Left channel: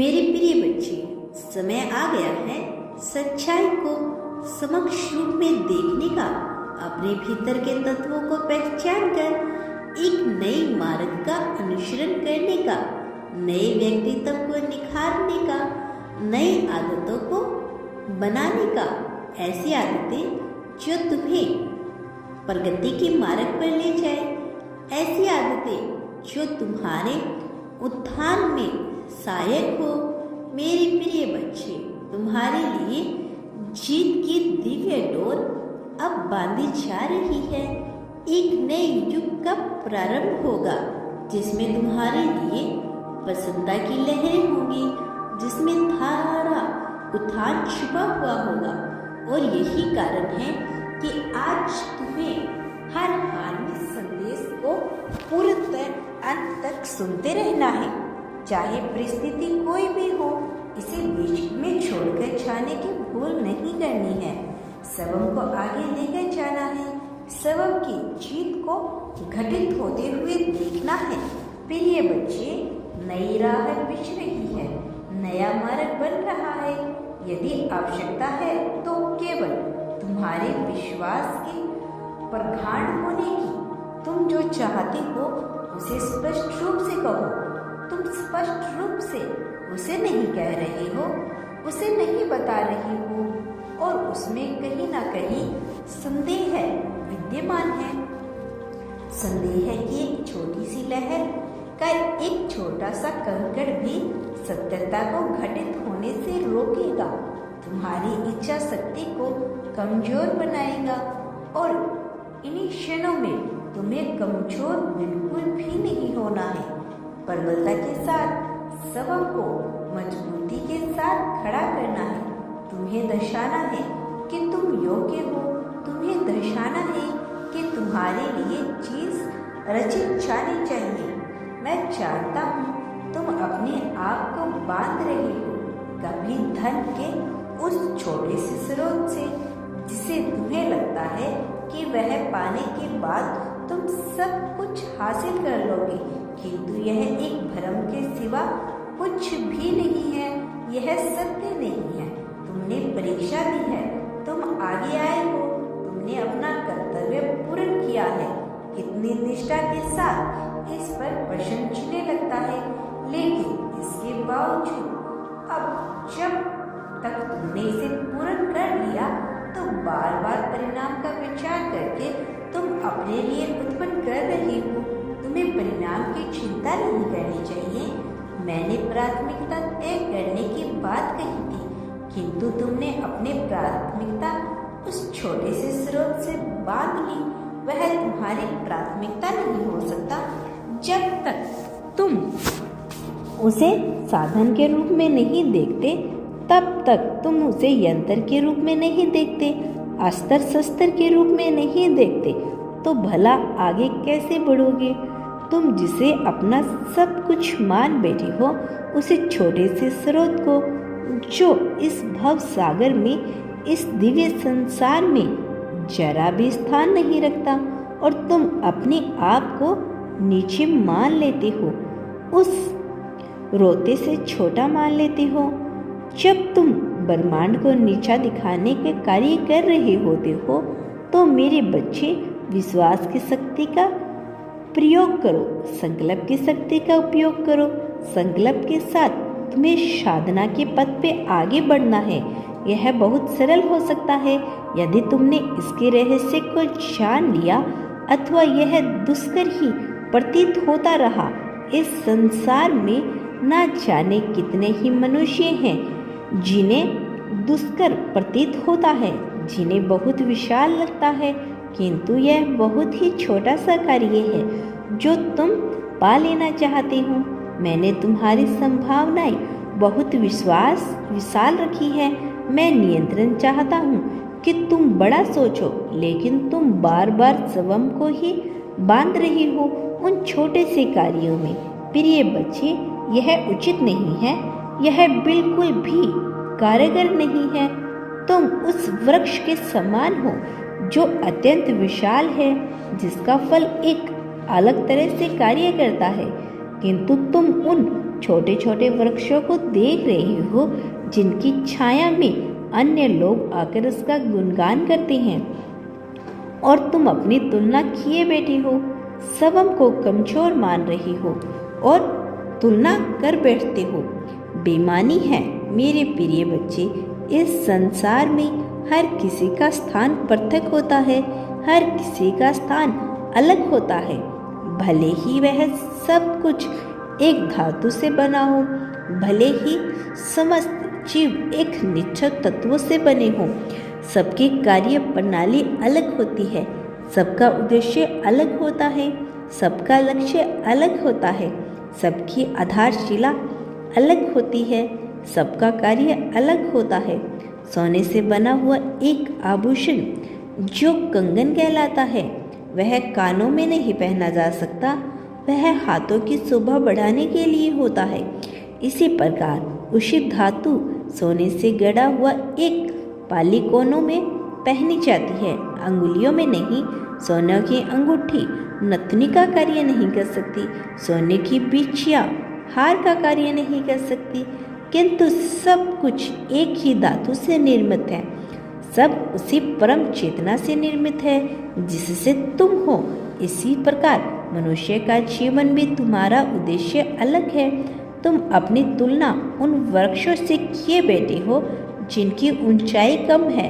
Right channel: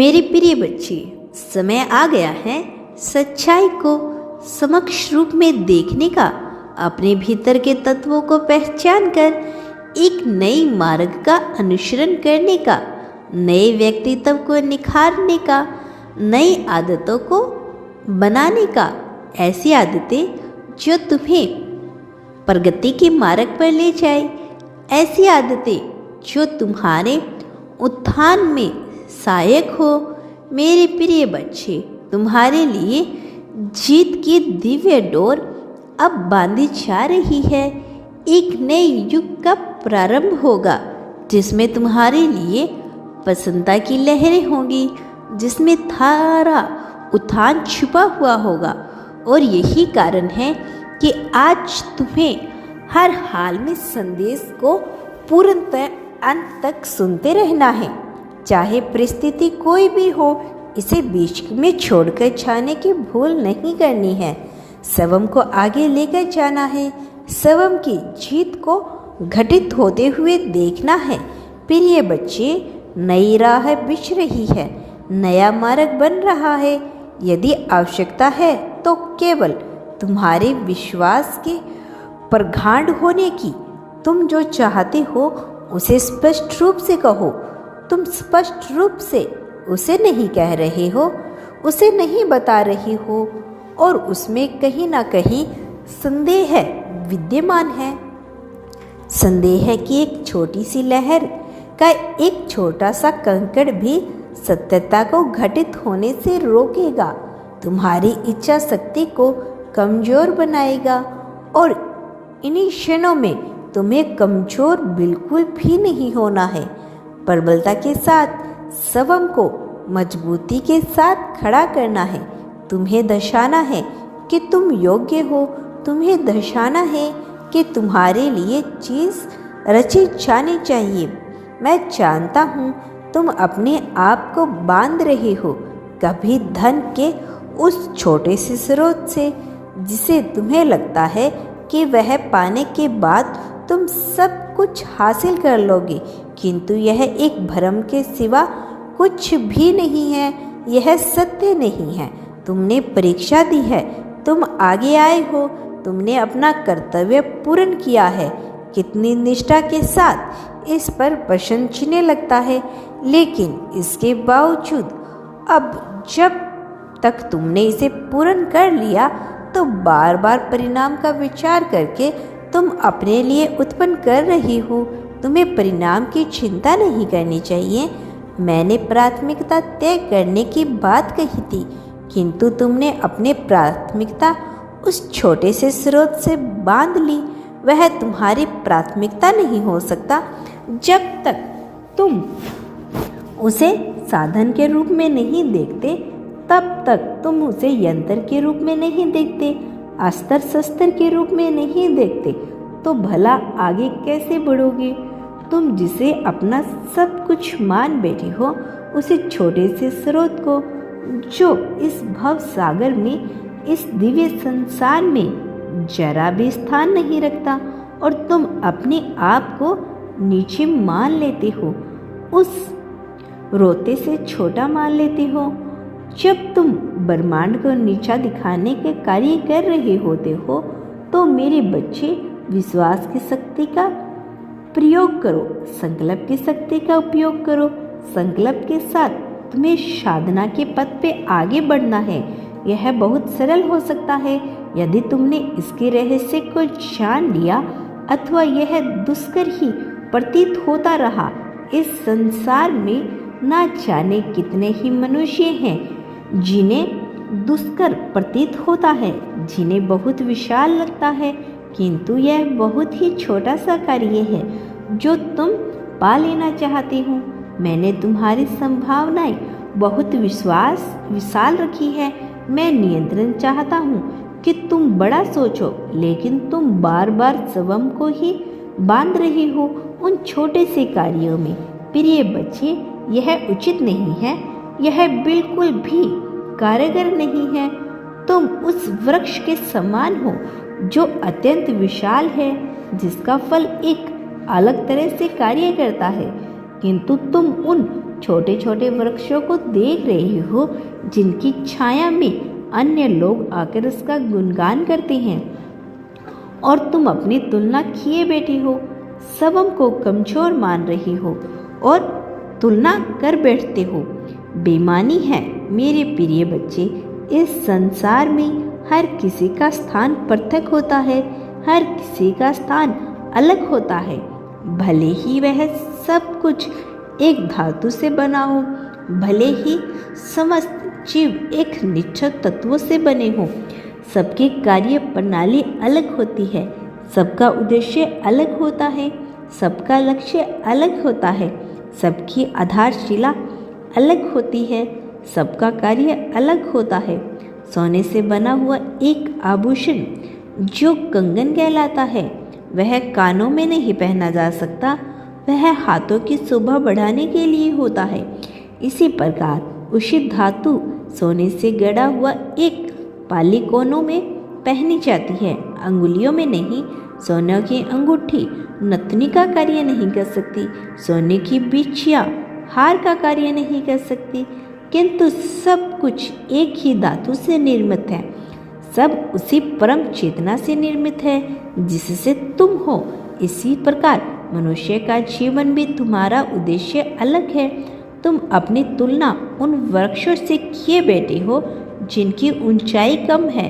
मेरे प्रिय बच्चे, समय आ गया है सच्चाई को समक्ष रूप में देखने का, अपने भीतर के तत्वों को पहचान कर एक नई मार्ग का अनुसरण करने का, नए व्यक्तित्व को निखारने का, नई आदतों को बनाने का। ऐसी आदतें जो तुम्हें प्रगति के मार्ग पर ले जाए, ऐसी आदतें जो तुम्हारे उत्थान में सहायक हो। मेरे प्रिय बच्चे, तुम्हारे लिए जीत की दिव्य डोर अब बांधी जा रही है। एक नए युग का प्रारंभ होगा जिसमें तुम्हारे लिए प्रसन्नता की लहरें होंगी, जिसमें थारा उत्थान छुपा हुआ होगा। और यही कारण है कि आज तुम्हें हर हाल में संदेश को पूर्णतः अंत तक सुनते रहना है। चाहे परिस्थिति कोई भी हो, इसे बीच में छोड़कर जाने की भूल नहीं करनी है। स्वयं को आगे लेकर जाना है, स्वयं की जीत को घटित होते हुए देखना है। प्रिय बच्चे, नई राह बिछ रही है, नया मार्ग बन रहा है। यदि आवश्यकता है तो केवल तुम्हारे विश्वास के प्रगाढ़ होने की। तुम जो चाहते हो उसे स्पष्ट रूप से कहो। तुम स्पष्ट रूप से उसे नहीं कह रहे हो, उसे नहीं बता रही हो, और उसमें कहीं ना कहीं संदेह विद्यमान है। संदेह की एक छोटी सी लहर का एक छोटा सा कंकड़ भी सत्यता को घटित होने से रोकेगा, तुम्हारी इच्छा शक्ति को कमजोर बनाएगा। और इन्हीं क्षणों में तुम्हें कमजोर बिल्कुल भी नहीं होना है। प्रबलता के साथ स्वयं को मजबूती के साथ खड़ा करना है। तुम्हें दर्शाना है कि तुम योग्य हो। तुम्हें दर्शाना है कि तुम्हारे लिए चीज़ रची जानी चाहिए। मैं जानता हूँ तुम अपने आप को बांध रहे हो, कभी धन के उस छोटे से स्रोत से जिसे तुम्हें लगता है कि वह पाने के बाद तुम सब कुछ हासिल कर लोगे, किंतु यह एक भ्रम के सिवा कुछ भी नहीं है। यह सत्य नहीं है। तुमने परीक्षा दी है, तुम आगे आए हो, तुमने अपना कर्तव्य पूर्ण किया है। कितनी निष्ठा के साथ इस पर प्रश्न चिन्ह लगता है, लेकिन इसके बावजूद अब जब तक तुमने इसे पूर्ण कर लिया तो बार बार परिणाम का विचार करके तुम अपने लिए उत्पन्न कर रही हो। तुम्हें परिणाम की चिंता नहीं करनी चाहिए। मैंने प्राथमिकता तय करने की बात कही थी, किंतु तुमने अपने प्राथमिकता उस छोटे से स्रोत से बांध ली। वह तुम्हारी प्राथमिकता नहीं हो सकता जब तक तुम उसे साधन के रूप में नहीं देखते। तब तक तुम उसे यंत्र के रूप में नहीं देखते, अस्त्र शस्त्र के रूप में नहीं देखते, तो भला आगे कैसे बढ़ोगे? तुम जिसे अपना सब कुछ मान बैठे हो, उसे छोटे से स्रोत को जो इस भव सागर में, इस दिव्य संसार में जरा भी स्थान नहीं रखता, और तुम अपने आप को नीचे मान लेते हो, उस रोते से छोटा मान लेते हो। जब तुम ब्रह्मांड को नीचा दिखाने के कार्य कर रहे होते हो, तो मेरे बच्चे विश्वास की शक्ति का प्रयोग करो, संकल्प की शक्ति का उपयोग करो। संकल्प के साथ तुम्हें साधना के पथ पे आगे बढ़ना है। यह बहुत सरल हो सकता है यदि तुमने इसके रहस्य को जान लिया, अथवा यह दुष्कर ही प्रतीत होता रहा। इस संसार में ना जाने कितने ही मनुष्य हैं जिन्हें दुष्कर प्रतीत होता है, जिन्हें बहुत विशाल लगता है, किंतु यह बहुत ही छोटा सा कार्य है जो तुम पा लेना चाहते हो। मैंने तुम्हारी संभावनाएं बहुत विशाल रखी है। मैं नियंत्रण चाहता हूँ कि तुम बड़ा सोचो, लेकिन तुम बार बार स्वयं को ही बांध रहे हो उन छोटे से कार्यों में। प्रिय बच्चे, यह उचित नहीं है, यह बिल्कुल भी कारगर नहीं है। तुम उस वृक्ष के समान हो जो अत्यंत विशाल है, जिसका फल एक अलग तरह से कार्य करता है, किंतु तुम उन छोटे छोटे वृक्षों को देख रहे हो जिनकी छाया में अन्य लोग आकर उसका गुणगान करते हैं और तुम अपनी तुलना किए बैठे हो, स्वयं को कमजोर मान रही हो और तुलना कर बैठते हो। बेईमानी है मेरे प्रिय बच्चे। इस संसार में हर किसी का स्थान पृथक होता है, हर किसी का स्थान अलग होता है। भले ही वह सब कुछ एक धातु से बना हो, भले ही समस्त जीव एक निश्चित तत्वों से बने हो, सबकी कार्य प्रणाली अलग होती है, सबका उद्देश्य अलग होता है, सबका लक्ष्य अलग होता है, सबकी आधारशिला अलग होती है, सबका कार्य अलग होता है। सोने से बना हुआ एक आभूषण जो कंगन कहलाता है वह कानों में नहीं पहना जा सकता, वह हाथों की शोभा बढ़ाने के लिए होता है। इसी प्रकार उसी धातु सोने से गढ़ा हुआ एक पाली कोनों में पहनी जाती है, अंगुलियों में नहीं। सोने की अंगूठी नथनी का कार्य नहीं कर सकती, सोने की बिछिया हार का कार्य नहीं कर सकती, किंतु सब कुछ एक ही धातु से निर्मित है, सब उसी परम चेतना से निर्मित है जिससे तुम हो। इसी प्रकार मनुष्य का जीवन भी तुम्हारा उद्देश्य अलग है। तुम अपनी तुलना उन वृक्षों से किए बैठे हो जिनकी ऊंचाई कम है,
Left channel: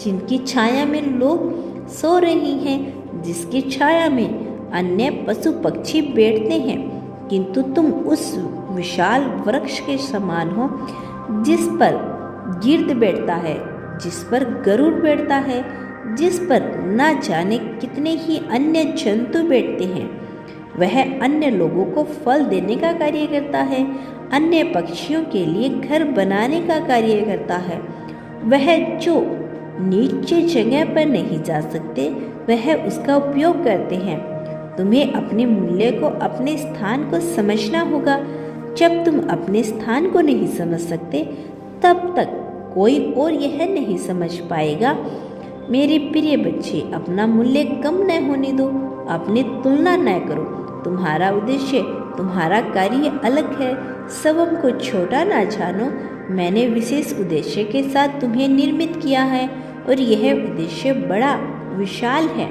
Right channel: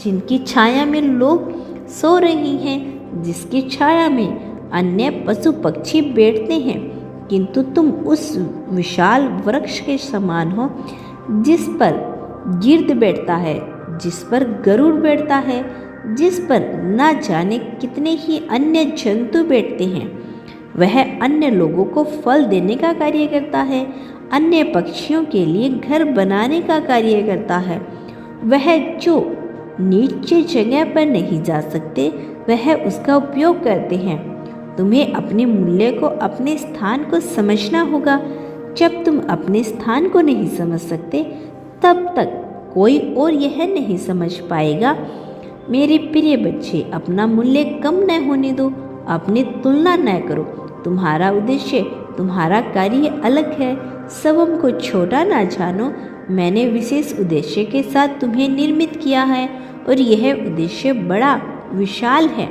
जिनकी छाया में लोग सो रही हैं, जिसकी छाया में अन्य पशु पक्षी बैठते हैं, किंतु तुम उस विशाल वृक्ष के समान हो जिस पर गिर्द बैठता है, जिस पर गरुड़ बैठता है, जिस पर न जाने कितने ही अन्य जंतु बैठते हैं। वह अन्य लोगों को फल देने का कार्य करता है, अन्य पक्षियों के लिए घर बनाने का कार्य करता है। वह जो नीचे जगह पर नहीं जा सकते वह उसका उपयोग करते हैं। तुम्हें अपने मूल्य को, अपने स्थान को समझना होगा। जब तुम अपने स्थान को नहीं समझ सकते तब तक कोई और यह नहीं समझ पाएगा। मेरे प्रिय बच्चे, अपना मूल्य कम न होने दो, अपनी तुलना न करो। तुम्हारा उद्देश्य, तुम्हारा कार्य अलग है, स्वयं को छोटा ना जानो। मैंने विशेष उद्देश्य के साथ तुम्हें निर्मित किया है और यह उद्देश्य बड़ा विशाल है।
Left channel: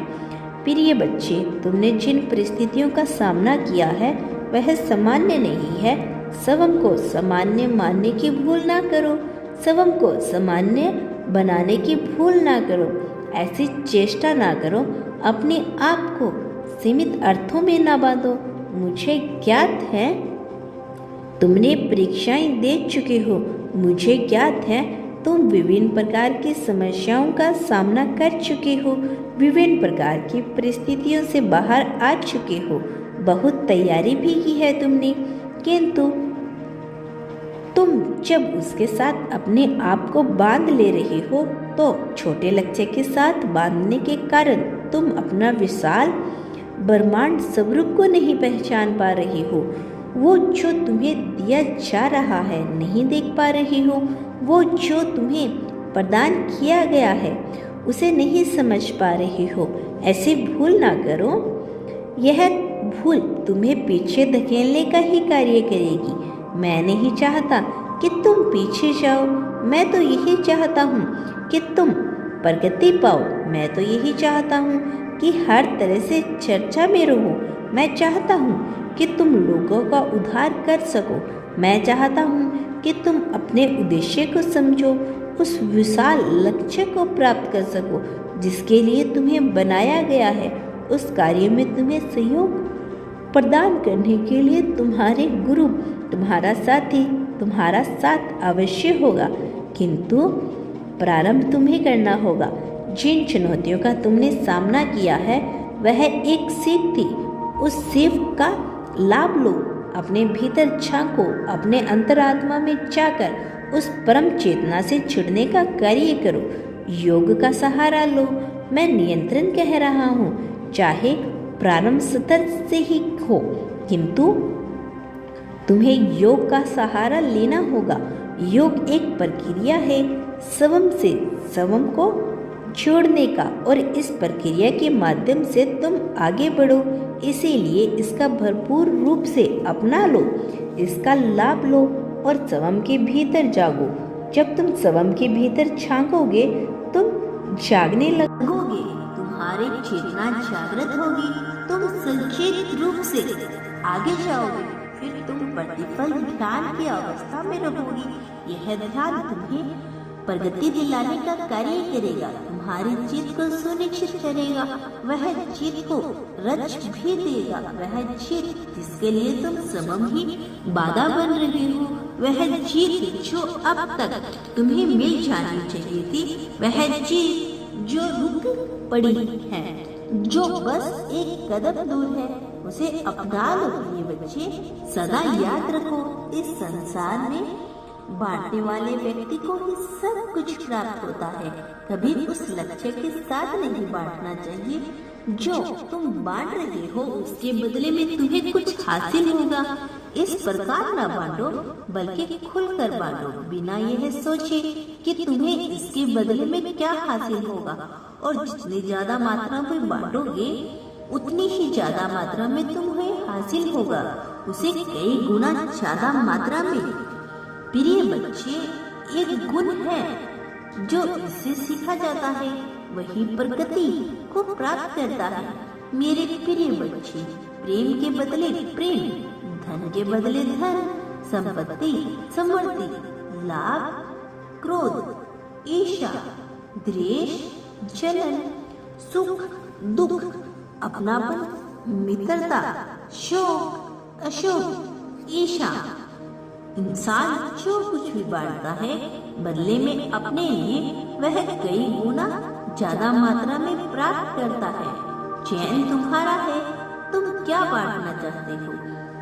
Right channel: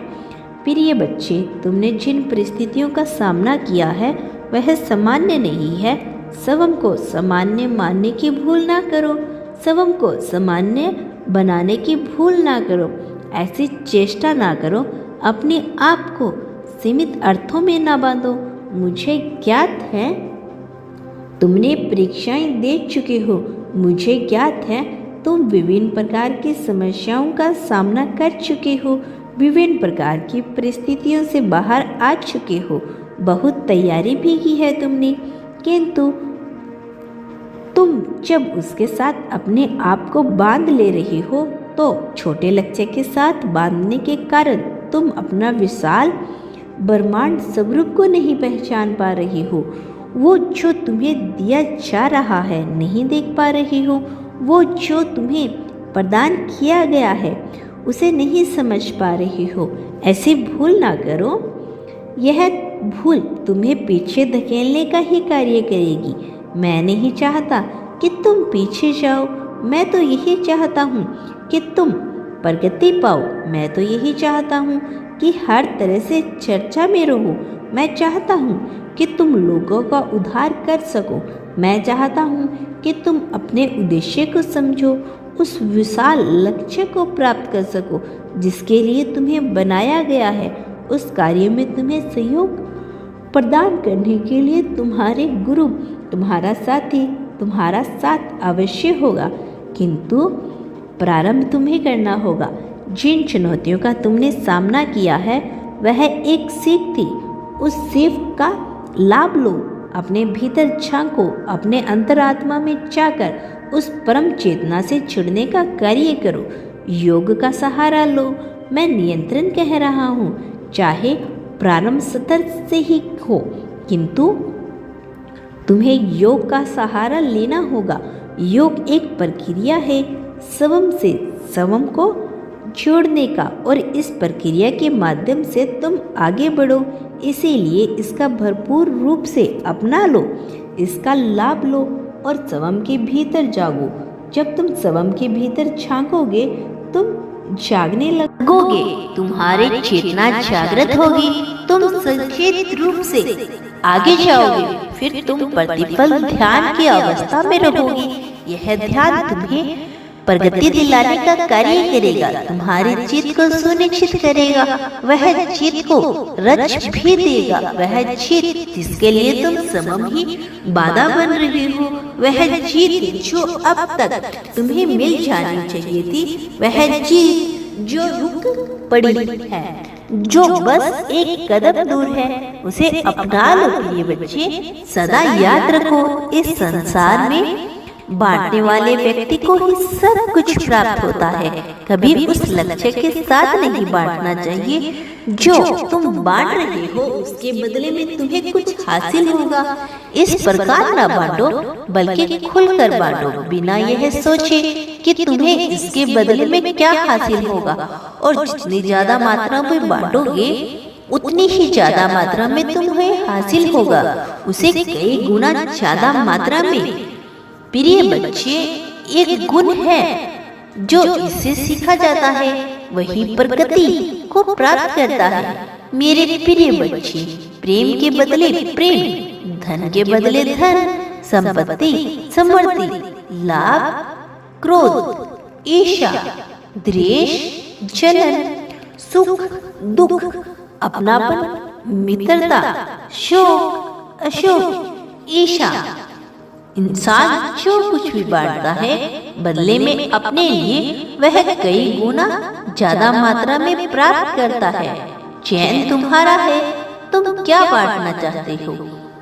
प्रिय बच्चे, तुमने जिन परिस्थितियों का सामना किया है वह सामान्य नहीं है। स्वयं को सामान्य मानने की भूल ना करो, स्वयं को सामान्य बनाने की भूल ना करो, ऐसी चेष्टा ना करो, अपने आप को सीमित अर्थों में ना बांधो। मुझे ज्ञात है तुमने परीक्षाएं दे चुके हो, मुझे ज्ञात है तुम विभिन्न प्रकार की समस्याओं का सामना कर चुके हो, विभिन्न प्रकार की परिस्थितियों से बाहर आ चुके हो, बहुत तैयारी भी की है तुमने, किंतु तुम जब उसके साथ अपने आप को बांध ले रहे हो तो छोटे लक्ष्य के साथ बांधने के कारण तुम अपना विशाल ब्रह्मांड स्वरूप को नहीं पहचान पा रही हो। वो जो तुम्हें दिया जा रहा है नहीं देख पा रही हो, वो जो तुम्हें प्रदान किया गया है उसे नहीं समझ पा रही हो। ऐसी भूल ना करो, यह भूल तुम्हें पीछे धकेलने का ही कार्य करेगी। मैं नहीं चाहता कि तुम पीछे जाओ, मैं तो यही चाहता हूँ कि तुम प्रगति पाओ। मैं तो यही चाहता हूँ कि हर तरह से चर्चा में रहो। मैं चाहता हूँ कि तुम लोगों का उद्धार कर सको। मैं चाहता हूँ कि तुम अपने उद्देश्य को समझो, उस विशाल लक्ष्य को प्राप्त कर सको जिसके लिए तुम्हें बनाया गया है। उस कार्य में तुम्हें सहयोग प्रदान करने के लिए तुम्हारे गुरु, तुम्हारा साथी, तुम्हारा साथ अवश्य होगा, किंतु प्रारंभ तुम्हें करना होगा। जिन चुनौतियों का तुमने सामना किया है वह एक सीख थी, उस सीख का लाभ लो। अपने भीतर झांको, अपने अंतरात्मा में जाकर उस परम चेतना से जुड़ने का कार्य करो। योग का सहारा लो। मैं नियंत्रण कह रहा हूँ, चाहे प्रारंभ स्तर से ही हो, किंतु तुम्हें योग का सहारा लेना होगा। योग एक प्रक्रिया है स्वयं से स्वयं को जोड़ने का, और इस प्रक्रिया के माध्यम से तुम आगे बढ़ो। इसीलिए इसका भरपूर रूप से अपना लो। इसका लाभ लो और स्वयं के भीतर जागो। जब तुम स्वयं के भीतर झांकोगे तुम जागने लगोगे, तुम्हारी चेतना जागृत होगी, तुम सचेत रूप से आगे जाओगे, फिर तुम प्रतिपल ध्यान की अवस्था में रहोगी। यह ध्यान तुम्हें प्रगति दिलाने का कार्य करेगा, तुम्हारी जीत को सुनिश्चित करेगा, वह जीत को रच भी देगा। वह जीत जिसके लिए तुम स्वयं ही बाधा बन रहे हो, वह जीत जो अब तक तुम्हें मिल जानी चाहिए थी, वह जीत जो रुक पड़ी है, जो बस एक कदम दूर है, उसे अपना लो प्रिय बच्चे। सदा याद रखो, इस संसार में बांटने वाले व्यक्ति को ही सब कुछ प्राप्त होता है। कभी उस लक्ष्य के साथ नहीं बांटना चाहिए जो तुम बांट रहे हो, उसके बदले में तुम्हें कुछ हासिल होगा। इस प्रकार न बांटो, बल्कि खुलकर बांटो, बिना यह सोचे कि तुम्हें इसके बदले में क्या हासिल होगा। और जितनी ज्यादा मात्रा में बांटोगे उतनी ही ज्यादा मात्रा में तुम्हें हासिल होगा, उसे कई गुना ज्यादा मात्रा में। प्रिय बच्चे, एक गुण है जो इससे सीखा जाता है, वही प्रगति को प्राप्त करता है। मेरे प्रिय बच्चे, प्रेम के बदले प्रेम, धन के बदले धन, संपत्ति, समृद्धि, लाभ, क्रोध, ईर्ष्या, द्वेष, जलन, सुख, दुख, अपनापन, मित्रता, शोक, अशोक, ईर्ष्या, इंसान जो कुछ भी बांटता है बदले में अपने लिए वह कई गुना ज्यादा मात्रा में प्राप्त करता है। चैन तुम्हारा है, तुम क्या बांटना चाहते हो,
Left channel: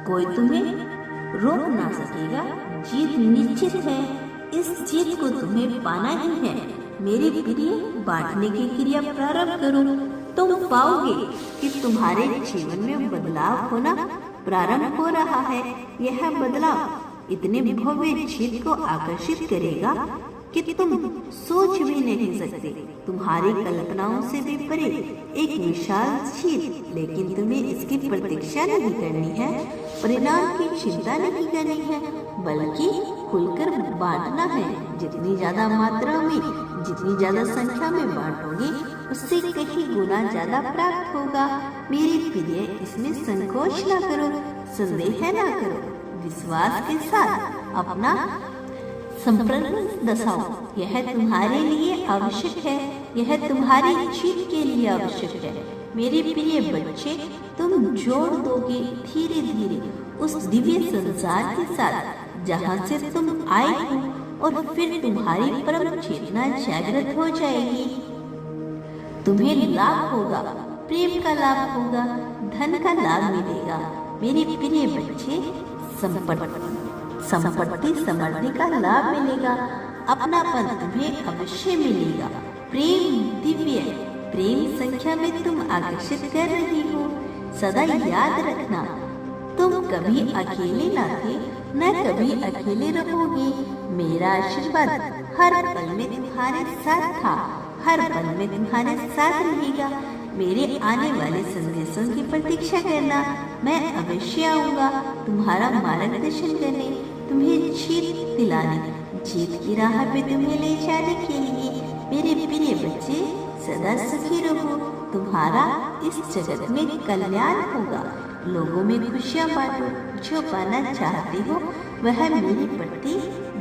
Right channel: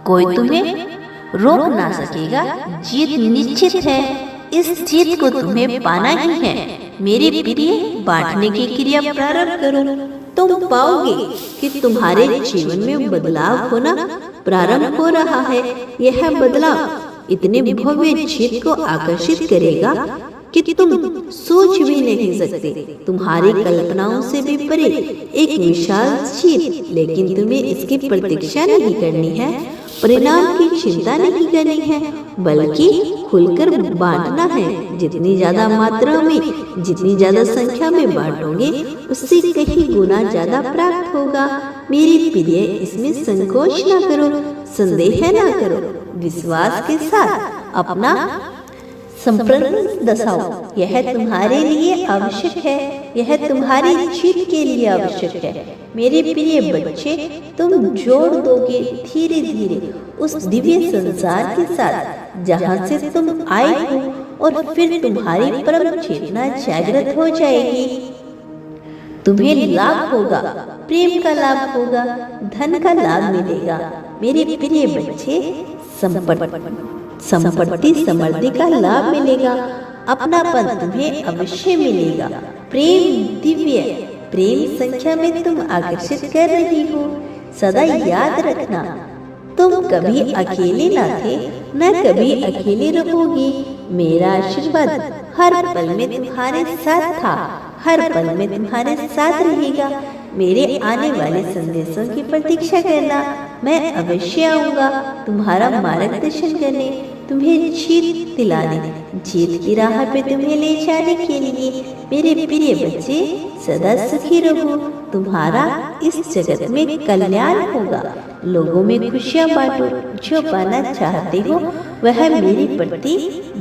कोई तुम्हें रोक ना सकेगा। जीत निश्चित है, इस जीत को तुम्हें पाना ही है। मेरे प्रिय, बांटने की क्रिया प्रारंभ करो, तुम पाओगे कि तुम्हारे जीवन में बदलाव होना प्रारंभ हो रहा है। यह बदलाव इतने भव्य जीत को आकर्षित करेगा कि तुम सोच भी नहीं सकते। तुम्हारी कल्पनाओं से भी परे एक विशाल जीत, लेकिन तुम्हें इसकी प्रतीक्षा नहीं करनी है, परिणाम की चिंता नहीं करनी है, बल्कि खुलकर बांटना है। जितनी ज्यादा मात्रा में, जितनी ज्यादा संख्या में बांटोगे, उससे कहीं गुना ज्यादा प्राप्त होगा। मेरी प्रिय, इसमें संकोच न करो, संदेह न करो, विश्वास के साथ अपना संप्रज्ञ दसाओ। यह तुम्हारे लिए आवश्यक है, यह तुम्हारी जीत के लिए आवश्यक है। मेरे प्रिय बच्चे, तुम जोड़ दोगे धीरे धीरे उस दिव्य संसार के साथ जहाँ से तुम आए हो, और फिर तुम्हारी परम चेतना जागृत हो जाएगी। तुम्हें लाभ होगा, प्रेम का लाभ होगा, धन का लाभ मिलेगा। मेरे प्रिय बच्चे, संपत्ति समृद्धि का लाभ मिलेगा, अपनापन तुम्हें अवश्य मिलेगा। प्रेम दिव्य, प्रेम संख्या में तुम आकर्षित कर रही हो। सदा याद रखना, तुम कभी अकेले न थे, न कभी अकेले रहोगी। मेरा आशीर्वाद हर पल में तुम्हारे साथ था, हर पल में तुम्हारे साथ रहेगा। मेरे आने वाले संदेशों की प्रतीक्षा करना, मैं अवश्य आऊंगा तुम्हारा मार्गदर्शन करने, तुम्हें जीत दिलाने, जीत की राह पे तुम्हें ले जाने के लिए। मेरे प्रिय बच्चे, सदा सुखी रहो, तुम्हारा इस जगत में कल्याण होगा। लोगों में खुशियाँ बांटो, जो पाना चाहते हो वह मेरे प्रति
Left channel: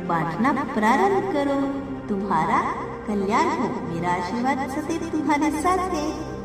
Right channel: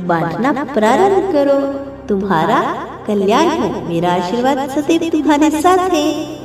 बांटना प्रारंभ करो, तुम्हारा कल्याण हो। मेरा आशीर्वाद सदैव तुम्हारे साथ है।